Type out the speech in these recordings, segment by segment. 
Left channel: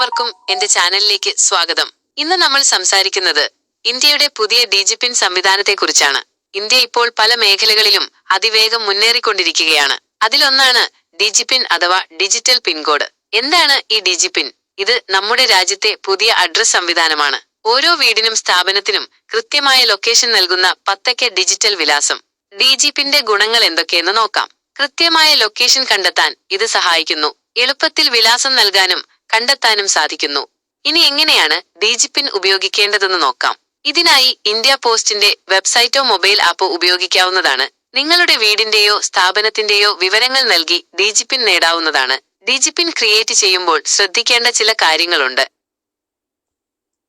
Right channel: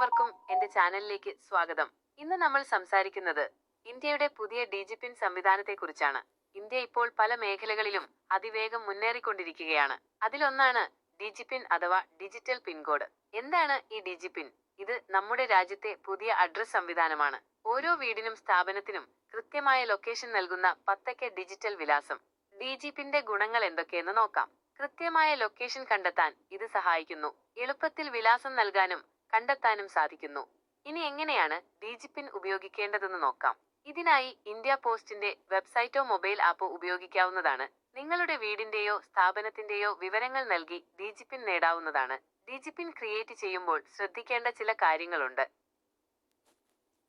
എല്ലാവർക്കും എന്റെ ചാനലിലേക്ക് സ്വാഗതം. ഇന്ന് നമ്മൾ സംസാരിക്കുന്നത് ഇന്ത്യയുടെ പുതിയ ഡിജിപിൻ സംവിധാനത്തെക്കുറിച്ചാണ്. ഇന്ത്യ ഇപ്പോൾ പല മേഖലകളിലും അതിവേഗം മുന്നേറിക്കൊണ്ടിരിക്കുകയാണ്. അതിലൊന്നാണ് ഡിജിപിൻ അഥവാ ഡിജിറ്റൽ പിൻകോഡ്. എന്താണ് ഈ ഡിജിപിൻ? ഇത് നമ്മുടെ രാജ്യത്തെ പുതിയ അഡ്രസ് സംവിധാനമാണ്. ഓരോ വീടിനും സ്ഥാപനത്തിനും കൃത്യമായ ലൊക്കേഷൻ നൽകുന്ന 10 ഡിജിറ്റൽ വിലാസം. ഡിജിപിന്റെ ഗുണങ്ങൾ എന്തൊക്കെയെന്ന് നോക്കാം. കൃത്യമായ ലൊക്കേഷൻ കണ്ടെത്താൻ ഇത് സഹായിക്കുന്നു. എളുപ്പത്തിൽ വിലാസം നൽകാനും കണ്ടെത്താനും സാധിക്കുന്നു. ഇനി എങ്ങനെയാണ് ഡിജിപിൻ ഉപയോഗിക്കേണ്ടതെന്ന് നോക്കാം. ഇതിനായി ഇന്ത്യ പോസ്റ്റിന്റെ വെബ്സൈറ്റോ മൊബൈൽ ആപ്പോ ഉപയോഗിക്കാവുന്നതാണ്. നിങ്ങളുടെ വീടിന്റെയോ സ്ഥാപനത്തിന്റെയോ വിവരങ്ങൾ നൽകി ഡിജിപിൻ നേടാവുന്നതാണ്. ഡിജിപിൻ ക്രിയേറ്റ് ചെയ്യുമ്പോൾ ശ്രദ്ധിക്കേണ്ട ചില കാര്യങ്ങളുണ്ട്.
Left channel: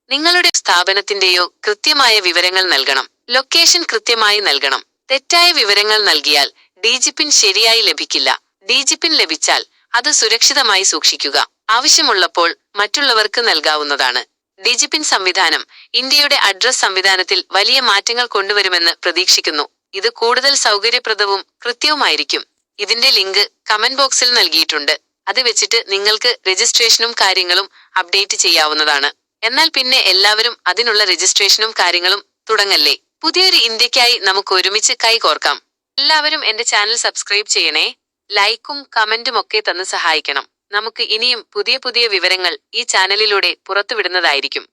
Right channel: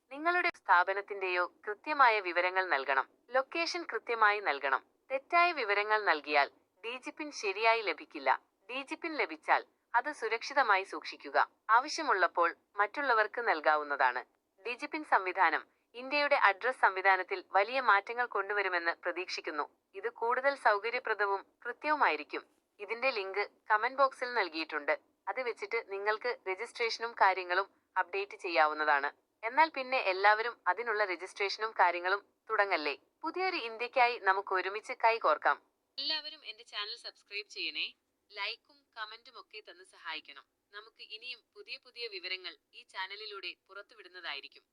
നിങ്ങളുടെ സ്ഥാപനത്തിന്റെയോ കൃത്യമായ വിവരങ്ങൾ നൽകണം. ലൊക്കേഷൻ കൃത്യമായി നൽകണം. തെറ്റായ വിവരങ്ങൾ നൽകിയാൽ ഡിജിപിൻ ശരിയായി ലഭിക്കില്ല. ഡിജിപിൻ ലഭിച്ചാൽ അത് സുരക്ഷിതമായി സൂക്ഷിക്കുക. ആവശ്യമുള്ളപ്പോൾ മറ്റുള്ളവർക്ക് നൽകാവുന്നതാണ്. ഡിജിപിൻ സംവിധാനം ഇന്ത്യയുടെ അഡ്രസ് സംവിധാനത്തിൽ വലിയ മാറ്റങ്ങൾ കൊണ്ടുവരുമെന്ന് പ്രതീക്ഷിക്കുന്നു. ഇത് കൂടുതൽ സൗകര്യപ്രദവും കൃത്യവുമായിരിക്കും. ഇതിന്റെ ലിങ്ക് കമന്റ് ബോക്സിൽ നൽകിയിട്ടുണ്ട്. അത് വെച്ചിട്ട് നിങ്ങൾക്ക് രജിസ്ട്രേഷനും കാര്യങ്ങളും അപ്ഡേറ്റ് ചെയ്യാവുന്നതാണ്. എന്നാൽ പിന്നെ എല്ലാവരും അതിനുള്ള രജിസ്ട്രേഷനും കാര്യങ്ങളും തുടങ്ങല്ലേ. പുതിയൊരു ഇന്ത്യക്കായി നമുക്ക് ഒരുമിച്ച് കൈകോർക്കാം. എല്ലാവരും എന്റെ ചാനൽ സബ്സ്ക്രൈബ് ചെയ്യണേ. ലൈക്കും കമന്റും ഒക്കെ തന്ന് സഹായിക്കണം. നമുക്ക് ഇനിയും പുതിയ പുതിയ വിവരങ്ങൾ ഈ ചാനലിലൂടെ പുറത്തുവിടുന്നതായിരിക്കും.